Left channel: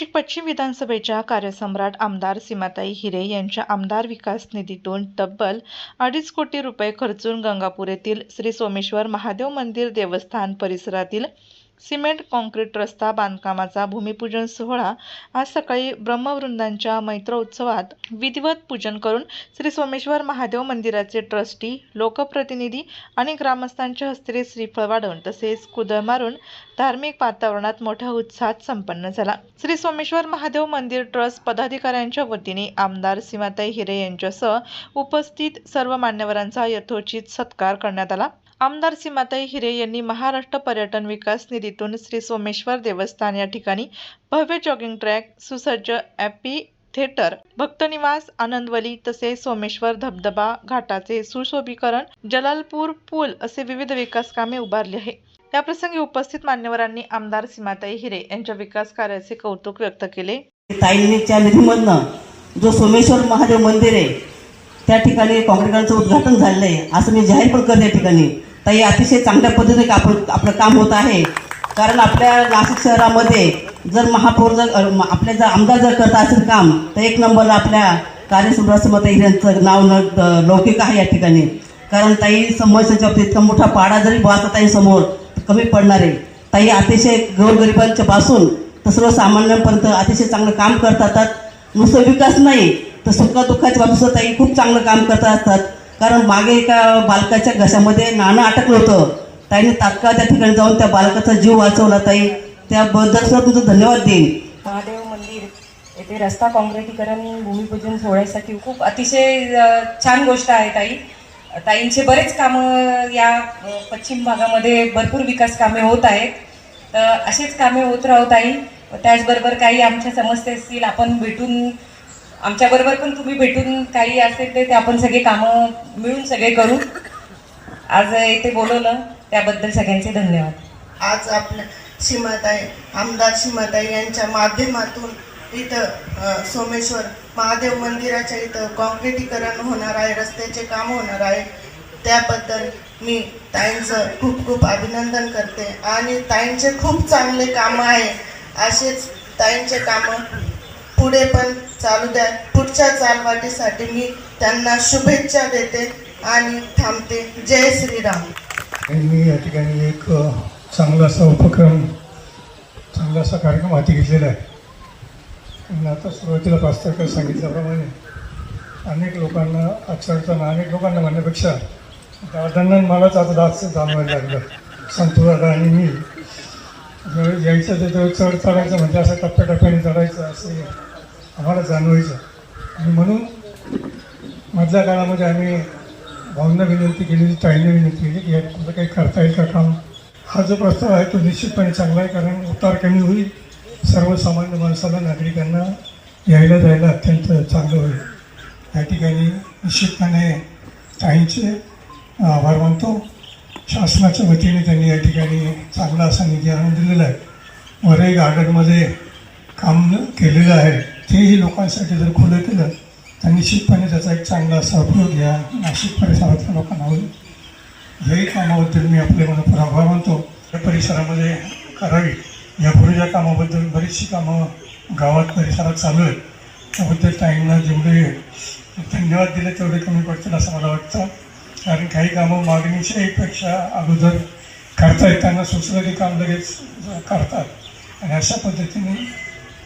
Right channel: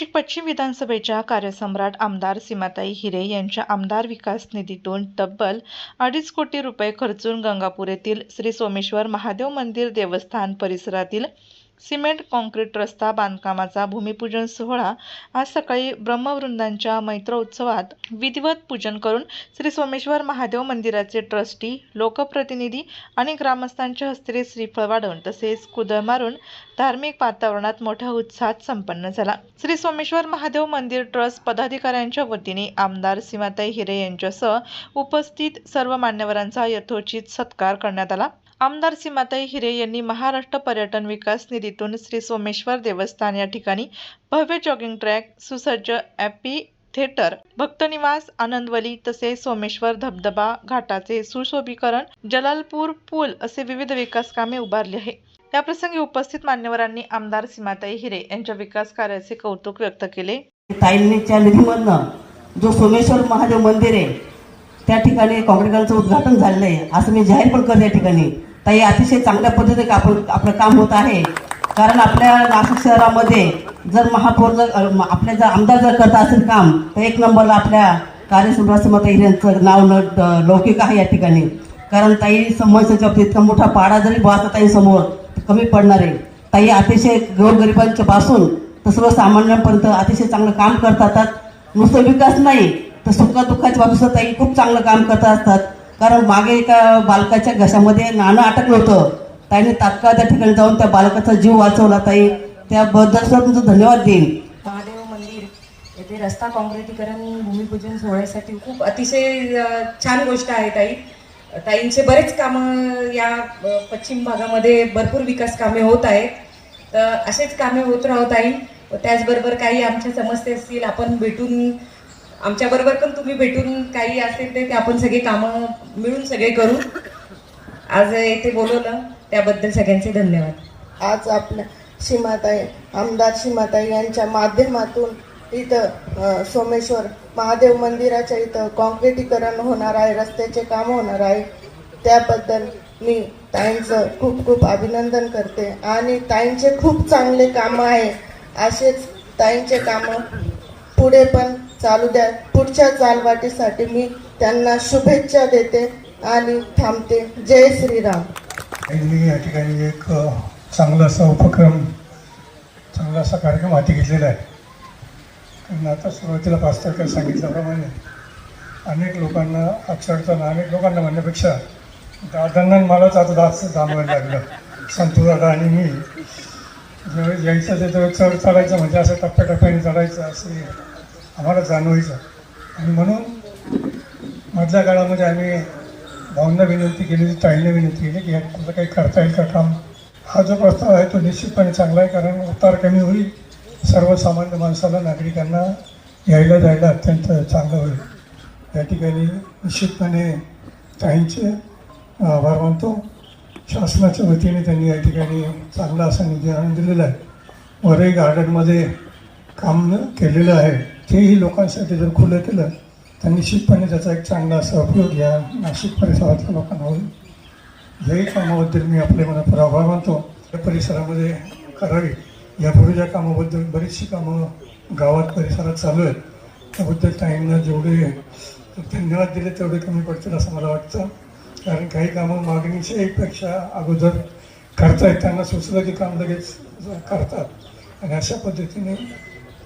नाशिक पश्चिम विधानसभेच्या कार्यसम्राट आमदार सीमाताई हिरे यांच्या आमदार विकास निधीतून तब्बल 2.5 कोटी रुपये खर्चून गंगापूर येथील श्री सोमेश्वर महादेव मंदिर देवस्थान परिसरातील सिमेंट कॉन्क्रीट रस्ता बांधकामाचा भूमिपूजन सोहळा आज सकाळी ब्रह्मवृंदांच्या मैत्रोत्सवात विधिवत पूजन करून श्री सोमेश्वर महादेव मंदिराचे ट्रस्टी, लोकप्रतिनिधी आणि ग्रामस्थांच्या हस्ते श्रीफळ वाढवून तसेच कुदळ मारून धार्मिक वातावरणात मोठ्या उत्साहात संपन्न झाला। श्री सोमेश्वर महादेव मंदिर ट्रस्ट पदाधिकाऱ्यांच्या वतीने आमदार सीमाताई हिरे यांच्यासह उपस्थित सर्व मान्यवरांचा यथोचित सत्कार करण्यात आला। आमदार सीमाताई हिरे यांनी महाराष्ट्र पर्यटन विकास निधीतून श्री सोमेश्वर देवस्थान या ठिकाणी भव्य जॉगिंग ट्रॅक, सुसज्ज ॲम्फी थिएटर, भक्तनिवास, आनंदवली तसेच सोमेश्वर धबधबा घाटाचे सुशोभीकरण, जलालपूर पूल असे विविध विकास कामे उभारली आहे। या प्रसंगी उपस्थित मान्यवरांनी आमदार सीमाताई हिरे यांच्या विकास कार्याचे कौतुक व्यक्त केले। ताईंच्या निधीमधनं जो सोमेश्वर महादेव मंदिर आहे त्या ठिकाणी काँक्रीटचं उद्घाटन झालेलं आहे असं मी जाहीर पण करते। या ठिकाणी ताई अतिशय चांगल्या पद्धतीने आपलं काम होत आहे, कारण आपल्या नाशिक शहरामध्ये जर महापौर आपले जर आमदार जर करत असेल काम तर एक नंबर आपल्या कार्यसम्राट सीमाताई यांचं नाव लौकिक आहे या ठिकाणी। कारण ताई समस्येच्या बाबतीत इतका मोठा पाडा जरी बाळगला ताई समोर कमी पडणार आहे। ताई अतिशय गोरगरिबांच्या पासून तर सर्वसामान्यांपर्यंत अतिशय चांगलं काम करतात। नुसतं विकास नाही तर सुखदुःखाच्या बाबतीत ताई खूप चांगलं काम करत असतात। कारण मागे एका बालकाच्या घशामध्ये नाणं अटकलं होतं, ताईने तात्काळ त्या ठिकाणी जाऊन त्या बालकाचा जीव वाचवला। ताई त्याबद्दल तुमचं धन्यवाद देईन। महादेव मंदिर येथे रस्ता काँक्रीटीकरण भूमिपूजन सोहळ्यासाठी खूप अतिशय छान गोष्ट आहे। ताईंचे बरेच कामं या पश्चिम भागामध्ये भरपूर विकास कामे होत आहेत, तर असेच कामे होत राहू ताई। त्याचबरोबर काही आमच्या समस्या असतील आपण भेटून, आमच्याबरोबर पण तुम्ही भेटून काही असेल ते आपण सगळे कामं मिळून सगळे करू। आज इथे बोलवलं त्याबद्दल सगळ्यांचे धन्यवाद। आज आपल्या सीमाताई आमदार सीमाताई यांच्या माध्यमातून इथं सोमेश्वर महादेव मंदिराच्या इथं कॉन्क्रीटीकरण होणार आहे, रस्त्याचे काम होणार आहे। त्याबद्दल मी ताईंचं खूप खूप अभिनंदन करते आणि ताईंचे खूप चांगले कामं आहे। असेच ताईंचे कामं पुढे पण चालू द्या। पुढच्या चालवाटीसाठी मी त्यांना शुभेच्छा देते आणि थांबते। जय श्रीराम। मी या ठिकाणी एक चांगला असा उपक्रम, चांगला असा कार्यक्रम हाती घेतलेला आहे। मी आता सुरुवातीला पास्तर सांगितल्याप्रमाणे अनेक लोकांना अक्षरशः अनेक लोकांना म्हणण्यापेक्षा दादांना मलाच आता जास्त जाणवायला लागलं। संतुदादा आणि मी ज्यावेळेस यायचं त्याच्यावर चढायचं म्हणजे असं टप्प्याटप्प्याने चढायचं असे आम्हाला जाणवायचं। आणि म्हणून मधल्या काळामध्ये आम्ही भावना विनंती केली, ताईंना विनंती केली की तुला काही करता येईल का काम। हा जो प्रस्ताव आहे तो निश्चितपणे चांगला आहे, कारण उतार कमी होईल, सर्वसामान्य माणसाला, नागरिकांना यायला जायला अत्यंत चांगलं होईल। या ठिकाणी निश्चितपणे ताईंचे आभार मानतो। शासनाच्या वतीने त्यांनी या ठिकाणी चांगला असा निधी आणून दिलेला आहे। वरही गार्डनमध्ये काम केलेलं आहे, तेही लोकांसाठी जर खुलं केलं तर निश्चितपणे त्याचा एक चांगला असा उपयोग या नाशिक परिसरातल्या लोकांना होईल। याही कामाबद्दल मी आपले मनापासून आभार मानतो। या परिसरामध्ये करावी, यापूर्वीच्या कामाबद्दल बरीचशी कामं गावात परिसरात चालू आहेत, त्याबद्दल ताईंना जेवढे धन्यवाद दिले तेवढे कमी पडतील असं मला वाटतं। कारण काही कामं मागणीच्या एकपेक्षा अगोदर करतायत, त्यांना सुचलं की काम लगेच करतात आणि अशा पद्धतीने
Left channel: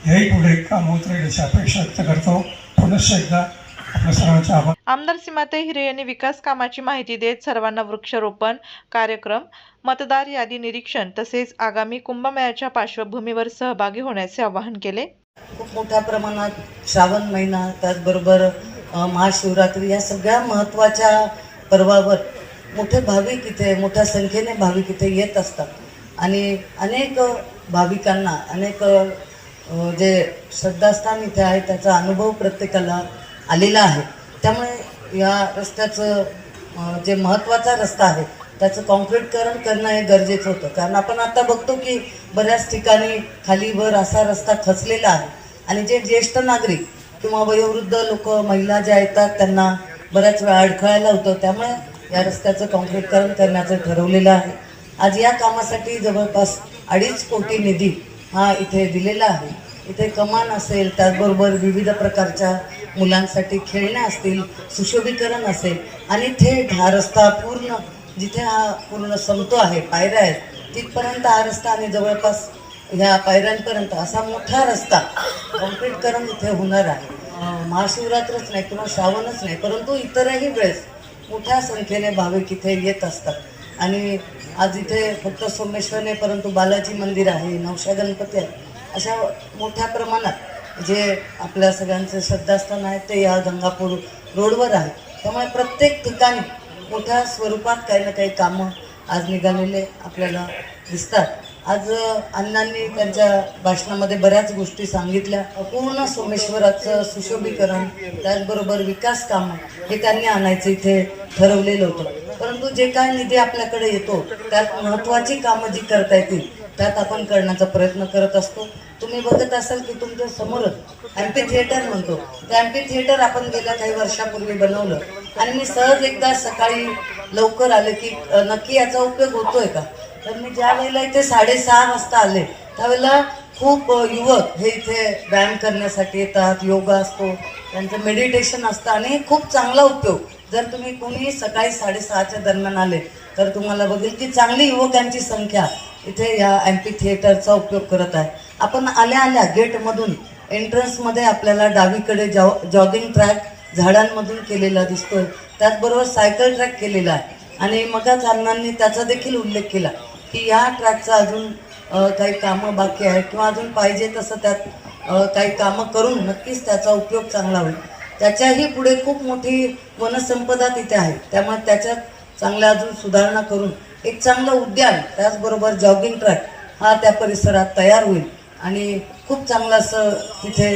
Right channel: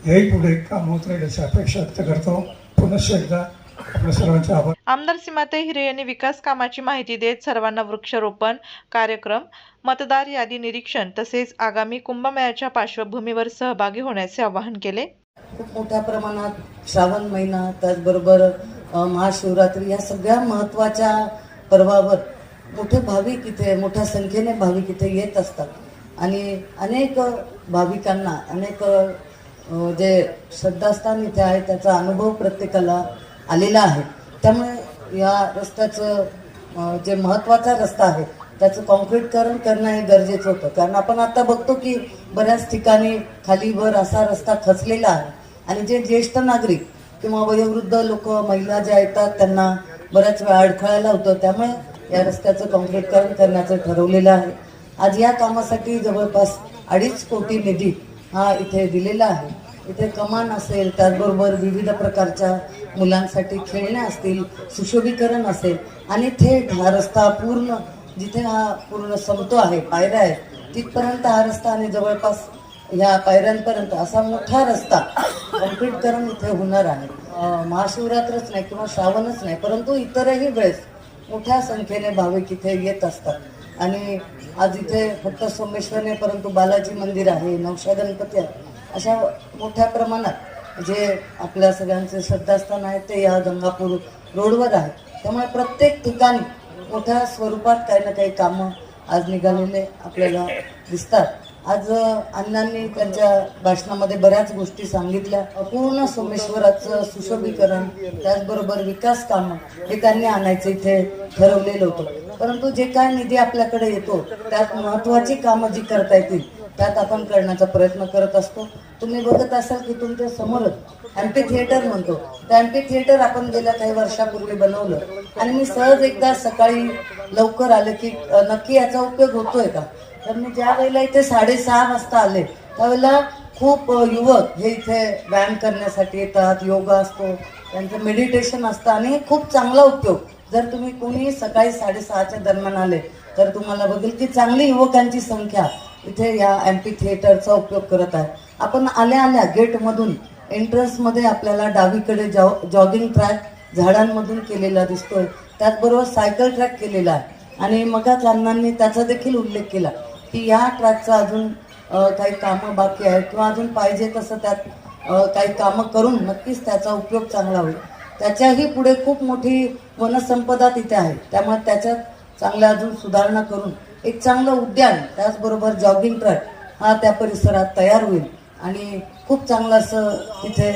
याही पुढे काम होत राहील अशी अपेक्षा व्यक्त करतो। पुनश्च एकदा आपल्या सर्वांचे आभार। आमदार सीमाताई हिरे यांनी विकास कामाची माहिती देत सर्वांना वृक्षारोपण कार्यक्रम, मतदार यादी निरीक्षण तसेच आगामी कुंभमेळ्याच्या पार्श्वभूमीवर सहभागी होण्याचे आवाहन केले। खूप मोठ्या प्रमाणात श्रावण महिना, त्याचबरोबर महाशिवरात्री या सगळ्या महत्त्वाच्या पर्वावर भाविक इथे मोठ्या संख्येने भाविक इथे येत असतात आणि अनेक भाविकांना अनेक जे श्रद्धास्थान इथे आहे त्याचा अनुभव प्रत्येकाला आलेला आहे। त्यामुळे या रस्त्याचं जे महत्त्वाचा रस्ता आहे त्याचं कॉन्क्रीटीकरण करणं हे गरजेचं होतं, कारण आपण आता बघतो की बऱ्याच ठिकाणी खालीवर असा रस्ता खचलेला आहे आणि जे ज्येष्ठ नागरिक किंवा वयोवृद्ध लोक, महिला ज्या येतात त्यांना बऱ्याच वेळा अडखळायला होतं। त्यामुळे या रस्त्याचं कॉन्क्रीटीकरण करण्याचं ठरवलेलं आहे। आज या कामासाठी जवळपास 2.5 कोटी निधी हा इथे दिलेला आहे इथे कमान असेल, त्याचबरोबर विविध प्रकारच्या मुलांसाठी खेळण्या असतील, सुशोभीकरण असेल आणि थेट हा रस्ता पूर्ण जिथे हा पूर्ण संपतो आहे, पायऱ्या आहेत तिथपर्यंत हा रस्ता आणि जवळपास ह्या पायऱ्यांपर्यंत असा मोठा रस्ता कॉन्क्रीटकरण इथे होणार आहे. महाशिवरात्रच नाही किंवा श्रावणच नाही, परंतु इतरही वेळेस मोठ्या संख्येने भाविक इथे येत असतात. आणि आज इथे फक्त सोमेश्वर नाही, परंतु बालाजी मंदिर आहे, नवशा गणपती आहे, अशा मोठ्या प्रमाणात जे आपल्या सगळ्यांचे श्रद्धास्थान आहे ते या गंगापूर रोडवर आहे. त्यामुळे प्रत्येक ठिकाणी मोठ्या स्वरूपात काही ना काही कामं आज निघालेले आपल्याला दिसतात. आज अण्णांनी त्यांच्या भाषणामध्ये बऱ्याच गोष्टी सांगितल्या. पूर्ण सोमेश्वराचं सुशोभीकरण, त्याचबरोबर विकास कामं हे त्यांनी आणायचं इथे ठरवलेलं होतं. परंतु जे काय निधी आपल्याकडे येतो त्यात महत्त्वाची कामं जी करता येतील त्यात आपण करण्याचा प्रयत्न करत असतो. तुम्ही बघत असाल की तुमच्या समोरच एमपी थिएटर म्हणतो, तर एमपी थिएटर आपण गेल्या काही वर्षापूर्वी बनवलं आणि मी सहज एकदा सकाळी लवकर आले की नक्की याचा उपयोग होतोय का. तर मी ज्या वेळेला इथे 6:30 वाजता आले त्यावेळेला खूप युवक हे इथे व्यायाम करण्यासाठी येतात, योगा असतो, त्यांचं मेडिटेशन असतं आणि खूप चांगला उपयोग. जर तुम्ही कोणी सकाळी 6:30च्या दरम्यान आले तर तुम्हाला बघेल की चांगली युवकांची संख्या इथे या एमपी थिएटरचा उपयोग करत आहे. आपण आल्या आल्या गेटमधून एंट्रन्समध्ये आपल्याला डावीकडे जॉगिंग ट्रॅक झाडांमधून केलेला दिसतोय, त्याचबरोबर सायकल ट्रॅक केलेला आहे. आणि मगच अण्णांनी त्याचा देखील उल्लेख केला की या ट्रॅकचा अजून काही कामं बाकी आहेत किंवा अजून पाहिजे तसं त्यात काही कामं करून नक्कीच त्याचा उपयोग चांगला होईल. त्याच्याही पुढे खूप मोठी वनसंपदा तिथे आहे, त्यामुळे त्याच्यात चांगल्या अजून सुधारणा करून एक चांगलं उद्यान, त्याचबरोबर जॉगिंग ट्रॅक हा त्या परिसरात तयार होईल आणि खूप चांगलं असं तिथे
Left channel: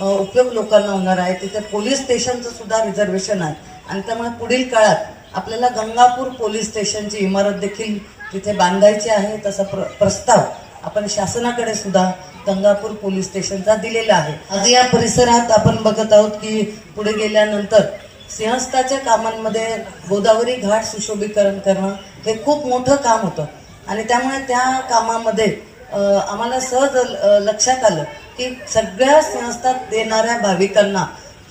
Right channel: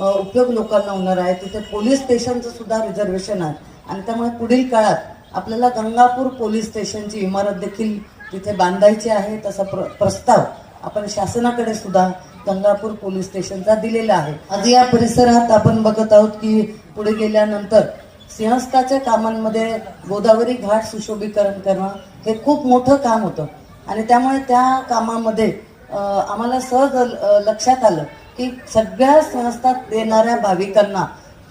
उपयोग लोकांना होणार आहे. तिथे पोलीस स्टेशनचं सुद्धा रिझर्वेशन आहे आणि त्यामुळे पुढील काळात आपल्याला गंगापूर पोलीस स्टेशनची इमारत देखील तिथे बांधायची आहे. तसा प्रस्ताव आपण शासनाकडे सुद्धा गंगापूर पोलीस स्टेशनचा दिलेला आहे. आज या परिसरात आपण बघत आहोत की पुढे गेल्यानंतर सिंहस्थाच्या कामांमध्ये गोदावरी घाट सुशोभीकरण करणं हे खूप मोठं काम होतं आणि त्यामुळे त्या कामामध्ये आम्हाला सहज लक्षात आलं की सगळ्या सिंहस्थात येणाऱ्या भाविकांना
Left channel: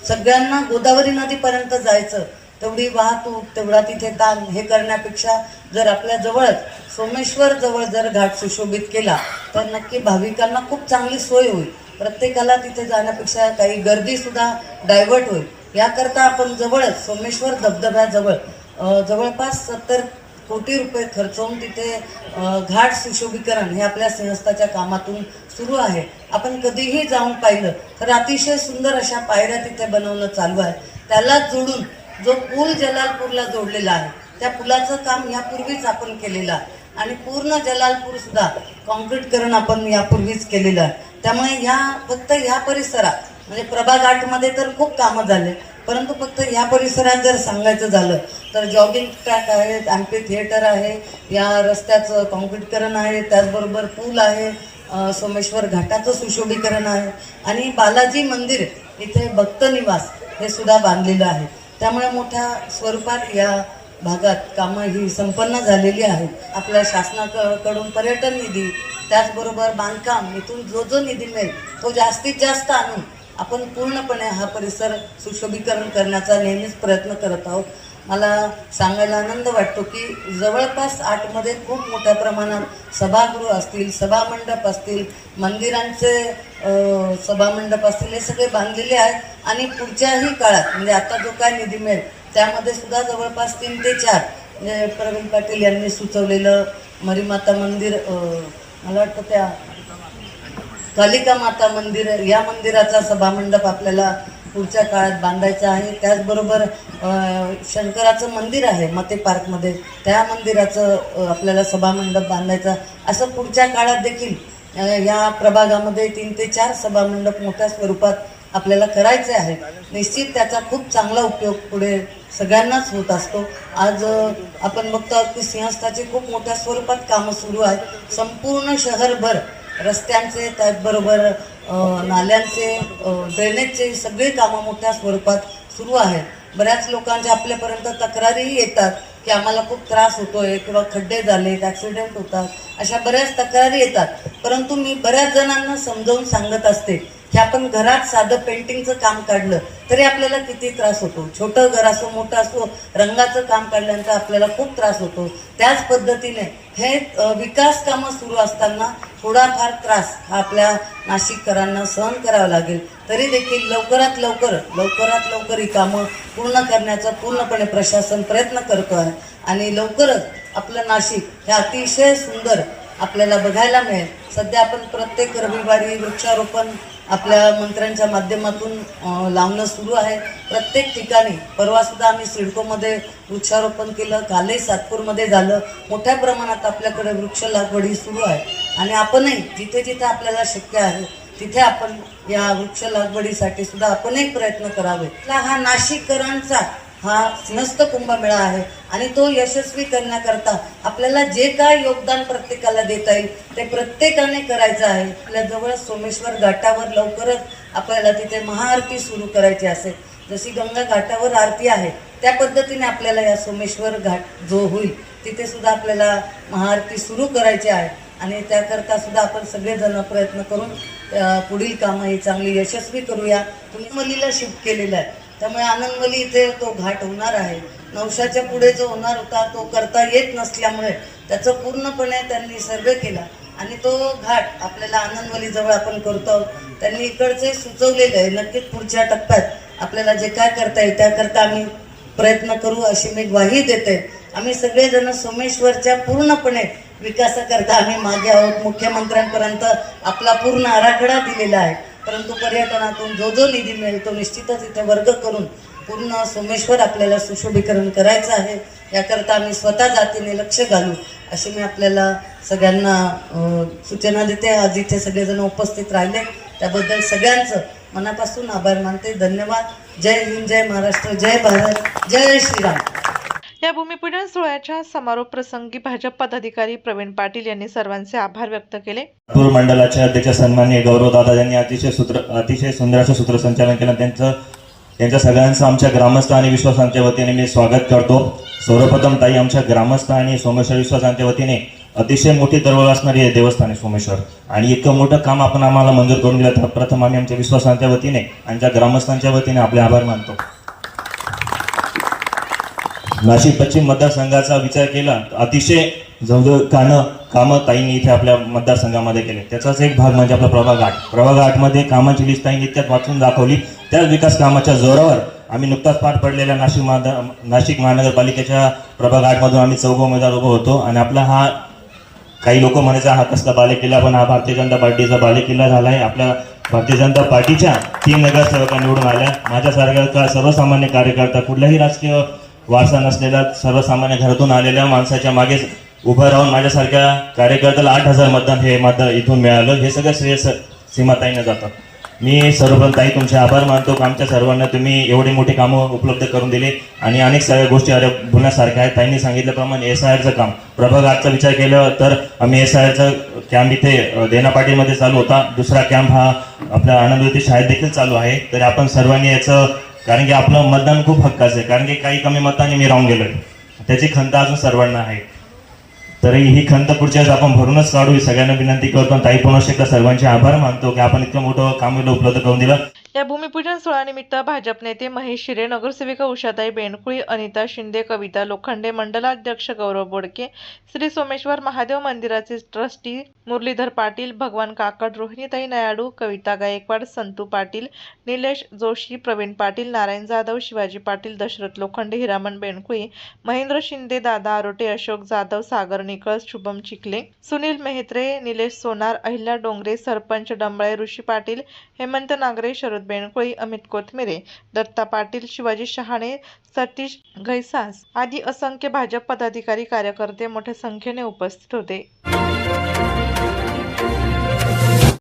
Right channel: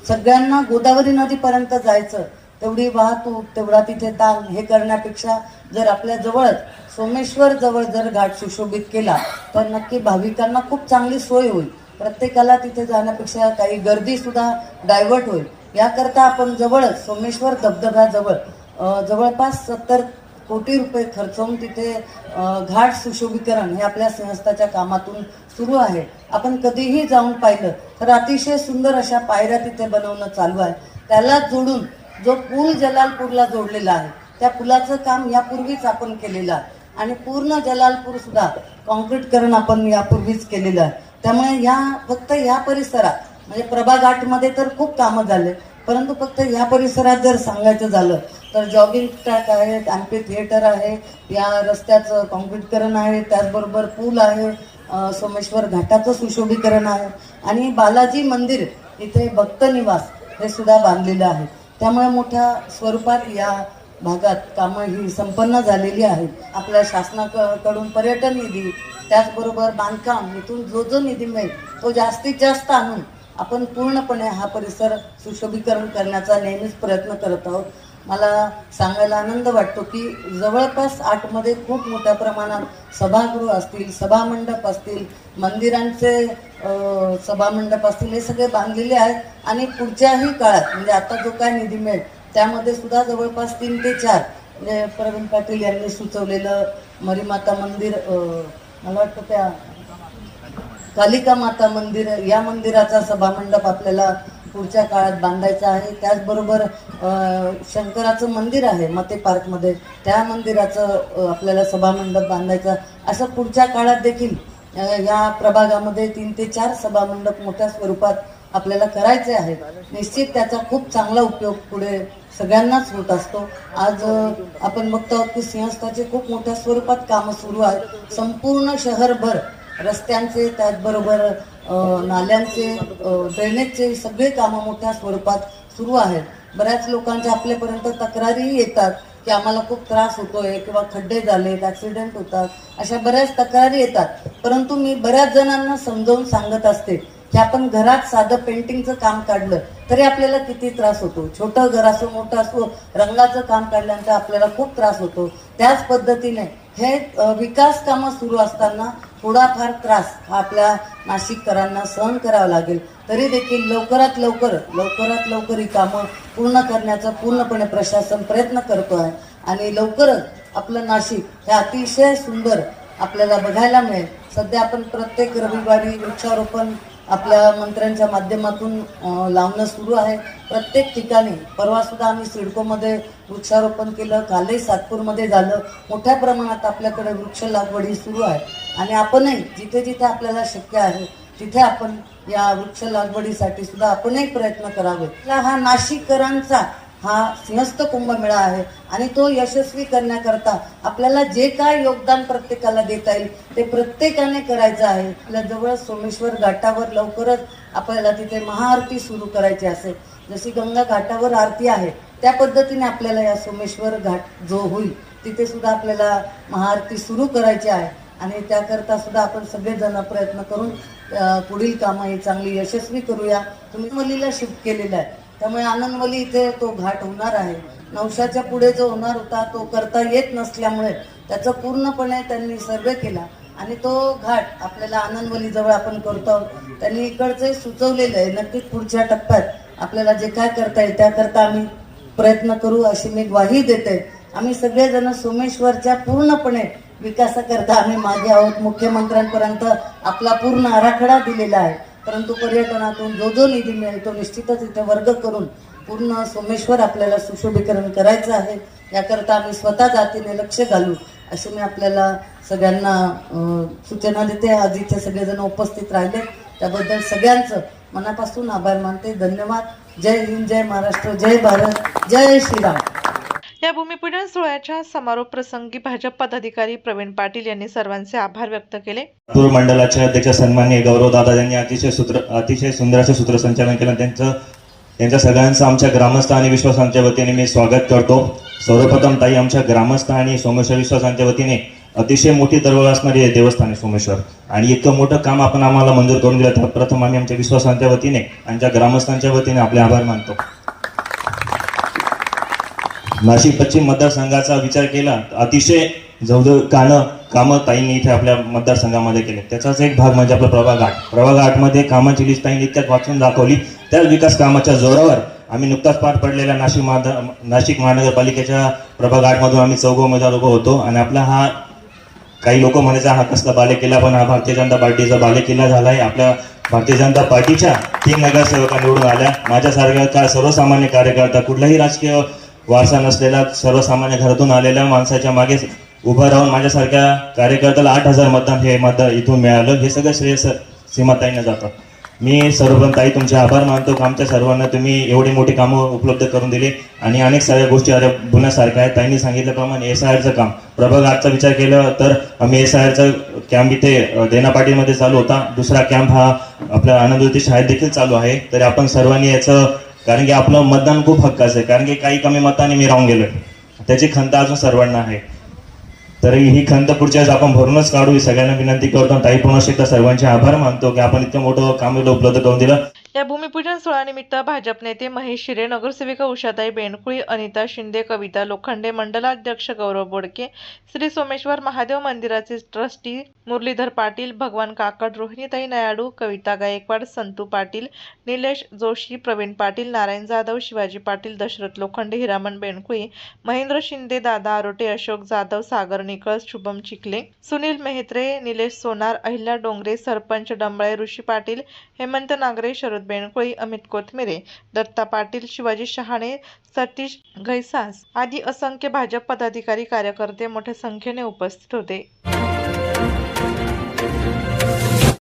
सगळ्यांना गोदावरी नदीपर्यंत जायचं, तेवढी वाहतूक, तेवढा तिथे ताण हे करण्यापेक्षा जर आपल्या जवळच सोमेश्वर जवळ जर घाट सुशोभित केला तर नक्की भाविकांना खूप चांगली सोय होईल. प्रत्येकाला तिथे जाण्यापेक्षा काही गर्दी सुद्धा डायव्हर्ट होईल. याकरता आपण जवळच सोमेश्वर धबधब्याजवळ जवळपास 70 कोटी रुपये खर्चवून तिथे घाट सुशोभीकरण हे आपल्या सिंहस्थाच्या कामातून सुरू आहे. आपण कधीही जाऊन पाहिलं तर अतिशय सुंदर अशा पायऱ्या तिथे बनवणं चालू आहे. त्याला जोडून जो पूल जलालपूरला जोडलेला आहे त्या पुलाचं काम यापूर्वीच आपण केलेलं आहे आणि पूर्ण जलालपूर सुद्धा कॉन्क्रीटकरण आपण यापूर्वीच केलेलं आहे. त्यामुळे या फक्त या परिसरात म्हणजे प्रभाघाटमध्ये तर खूप कामं झाले, परंतु फक्त या परिसरात जर सांगायचं झालं तर जॉगिंग ट्रॅक आहेत, एम्पी थिएटर आहे, या रस्त्याचं कॉन्क्रीटकरण आहे, त्याचबरोबर पूल आहे, सोमेश्वर घाटाचं सुशोभीकरण आहे आणि बालाजी मंदिर इथे भक्त निवास हे सुद्धा बांधलेलं आहे. त्यामुळे मोठ्या स्वरूपात या भागात कामं ही संपन्न झालेली आहेत. आपल्या शासनाकडून पर्यटन निधी, त्याचबरोबर बांधकाम, इथून जो निधी मिळेल तो जास्तीत जास्त आणून आपण पूर्णपणे हा परिसर सुशोभीकरण करण्याचा नेहमीच प्रयत्न करत आहोत. मला सांगायला आनंद वाटतो की जवळपास आतमध्ये खूप मोठ्या प्रमाणात सभागृह असतील, सभामंडप असतील, मंदिरांचे सभामंडप असतील, हे सगळे बांधलेले आहेत आणि पुढच्याही काळात म्हणजे आता जो काय निधी मिळेल त्यामध्ये सुद्धा जवळपास 3 ते 4 म्हणजे प्रवीण पाटील यांनी सुचवलेलं मरीमाता मंदिर, मला वाटतं त्या कालिका माता मंदिर, या मंदिराचा सभामंडप आपल्याला पुढच्या काळात बांधायचा आहे. त्याचबरोबर शंकराचं मंदिर आहे मते पार्कमध्ये, त्या मंदिराचं आपल्याला सभामंडप बांधायचं. असं पुढच्या काळात देखील या प्रभागामध्ये 3 ते 4 सभामंडप मोठ्या स्वरूपात आपल्याला करायचे आहे. निश्चित त्याचा खूप चांगला उपयोग पुढे सगळ्यांनाच होत असतो. आज आपण बघतो की सिंहस्थाचे खूप मोठ्या स्वरूपात कामं सुरू आहेत. संपूर्ण शहरभर रस्त्यांचे, त्याचबरोबर नाल्यांचे, ड्रेनेजचे सगळे कामं मोठ्या स्वरूपात सुरू आहेत. बऱ्याच लोकांच्या आपल्यापर्यंत तक्रारीही येतात की आम्हाला खूप त्रास होतोय किंवा खड्डे झालेत, ॲक्सिडेंट होतात, अशा बऱ्याच तक्रारी येतात. परंतु मी बऱ्याच जणांना समजावून सांगत असते की आपण घरात साधं पेंटिंगचं काम काढलं तरी आपल्याला किती त्रास होतो. छोटं घर असो मोठं असो, रंगाचं काम काढल्यानंतर आपल्याला खूप त्रास होतो. त्याच पद्धतीने हे विकास कामं सुरू असताना थोडाफार त्रास हा आपल्या नाशिककरांना सहन करावा लागेल. तरी देखील लवकरात लवकर ही कामं पूर्ण करण्याचा पूर्णपणे प्रशासन प्रयत्न करतो आहे आणि लवकरच आपलं नाशिक हे अतिशय सुंदर आपल्याला बघायला मिळेल. सध्या आपण प्रत्येक रविवारी वृक्षारोपण आपल्या मंत्र्यांच्या माध्यमातून लावणं सुरू आहे. प्रत्येक ठिकाणी परवा सुद्धा आम्ही सिडकोमध्ये वृक्षारोपण केलं, कालही सातपूरमध्ये झालं. मोठ्या प्रमाणात आपल्याकडे वृक्ष लागवड ही सुरू आहे आणि आपणही जिथे जिथे आपल्याला शक्य आहे तिथे आपण या वृक्ष लागवडीसाठी सुद्धा आपणही प्रयत्न करावे. हा नाशिककरांचा हा सिंहस्थ कुंभमेळा आहे आणि तो यशस्वी करण्याकरता आपल्याला जे काय योगदान प्रत्येकाला देता येईल ते प्रत्येकाने करायचं आहे. आपल्या जवळ सोमेश्वर घाटावर लवकरच आपल्याला तिथे महाआरती सुरू करायची असेल. जशी गंगा घाटावर आरती आहे त्या पद्धतीने आपल्याला या सोमेश्वर घाट जो होईल तिथे सुद्धा आपल्याला महाआरती सुरू करायची आहे आणि त्याकरता सुद्धा आपण सगळेजण प्रयत्न करून पुढील कामं ही चांगली यशस्वी करूया. तुम्ही मलीला शिफ्ट केलेलं आहे त्यामुळे आनंदवली इथे तो घाट होणार आहे. नवशाच्या पुढे जो होणार होता तो करता येत नसल्यामुळे त्याचं पूर्णपणे त्यांनी सर्वे केला आणि तो घाट आपल्याला आनंदवली जवळ आपण करतो आहोत. त्यांनी इकडचंही सुचवलेलं आहे. नक्कीच पुढच्या टप्प्यात आपल्याला जे काय करता येईल त्याकरता आम्ही प्रयत्न करू अशी मी ग्वाही देते. आम्ही सगळेजण सोमेश्वरच्या पूर्णपणे विकासाकरता आम्ही मागे आहोत. मुख्यमंत्र्यांपर्यंत आपला पूर्ण आराखडा दिलेला आहे. परंतु पर्यटनातून जो निधी मिळेल तो निश्चितच इथे वर्ग करून पूर्ण सोमेश्वर आपल्याला सुशोभीकरण करायचं आहे. याकरता आम्ही स्वतः जातीने लक्ष घालू अशी मी आपल्याला सगळ्यांना सूचना देते. आज इथे सगळेजण उपस्थित राहिले त्याबद्दल सगळ्यांचं मनापासून आभार मानते. धन्यवाद. जय हिंद, जय महाराष्ट्र, जय भारत, जय श्रीराम. या भूमिपूजन सोहळ्याच्या समारोप प्रसंगी भाजप पदाधिकारी प्रवीण पाटील यांनी सर्वांचे आभार व्यक्त केले. लातूर मंडलाचे अध्यक्ष सन्माननीय गौरवदादा यांनी अतिशय सुंदर असं सूत्रसंचालन केलं. त्यांचं सगळ्यांचं आमच्या ग्रामस्थ आणि विश्वासांच्या वतीने मी स्वागत करतो. सर्वप्रथम ताई, आमच्या ग्रामस्थ आणि सोमेश्वर विश्वासांच्या वतीने अतिशय मोठी दरवळ असणारी देवस्थान आहे सोमेश्वर आणि इतकं मोठं काम आपण आम्हाला मंजूर करून दिलं तर प्रथम आम्ही आमच्या विश्वासांच्या वतीने आमच्या ग्रामस्थांच्या वतीने आपले आभार मानतो. नाशिक पश्चिम मतदारसंघाचा विचार केला अतिशय जवळजवळ कामं ताईंनी इथे आपल्या मतदारसंघामध्ये केले. त्याचाच एक भाग म्हणजे आपला प्रभाग घाटमध्ये कामाची लिस्ट ताईंनी इतक्यात वाचून दाखवली. त्याच विकास कामाच्या जोरावर आम्ही नुकताच पार पडलेल्या नाशिक महानगरपालिकेच्या प्रभाग घाटमधून आम्ही 4 उमेदवार उभं होतो आणि आपला हा काही लोक म्हणायचा हा कसला बालेकिल्ला, पण हा भारतीय जनता पार्टीचा बालेकिल्ला झाला आहे. आपल्या भारतीय जनता पार्टीच्या 3 नगरसेवका निवडून आल्या. माझ्यासारख्या सर्वसामान्य कार्यकर्ता, कुठलाही राजकीय वारसा नसलेल्या सर्वसामान्य घरातून आलेल्या माणसाच्या मागे उभं राहून माझ्यासारख्या कार्यकर्त्याला 8,000 मतदान हे इथून मिळालं. हे सगळं श्रेय सीमाताईंना जातं. मी सर्वप्रथम ताई तुमचे आभार मानतो की आमच्या सर्वांना तुम्ही एवढी मोठी कामं उपलब्ध करून दिली आणि अनेक साऱ्या गोष्टी बोलण्यासारख्या आहेत. ताईंनी सांगितल्याप्रमाणे SIRचं काम, प्रभाग आजचा विचार केला तर आम्ही SIRचं कॅम्प इथे देनापाटीमध्ये चालू होता. दुसरा कॅम्प हा आपल्या आनंदवती शाळेत देखील चालू आहे. तर आपण सर्वांनी याचं, कारण की आपलं मतदान खूप हक्काचं आहे, कारण की काही कमी मतांनी मी राहून गेलोय, त्याची खंत अजून सर्वांना आहे. तर ही खंत पुढच्या वेळेस आपण भरूनच काढू ही सगळ्यांना विनंती करतो. ताई पुन्हा एकदा सर्वांचे आभार मानतो की आपण इतकं मोठं काम उपलब्ध करून दिलं. या भूमिपूजन सोहळ्यानिमित्त भाजप नेते महेश शिरे, नगरसेविका उषाताई बेंडकुळी, अनिता शिंदे, कविता लोखंडे, मंडलाध्यक्ष गौरव बोडके, श्री सोमेश्वर महादेव मंदिराचे ट्रस्टी मुरलीधर पाटील, भगवान काकड, रोहिणीताई नयाडू, कविता गायकवाड, संतू पाटील, निलेश जोशी, प्रवीण पाटील, नारायण जाधव, शिवाजी पाटील, दशरथ लोखंडे, हिरामण बेंडकुळी, महेंद्र शिंदे, दादा आरोटे, अशोक जाधव, सागर निकळस, शुभम चिखले, सुनील मेहत्रे, निलेश सोनार, अहिल्या डोंगरे, सरपंच डंबळे, ऋषी पाटील, हेमंत नागरे, शरद बेंडकुळी, अमित कोथमिरे, दत्ता पाटील, शिवाजी शहाणे, सतीश घैसास आदी असंख्य भाजप पदाधिकारी कार्यकर्ते मोठ्या संख्येने उपस्थित होते.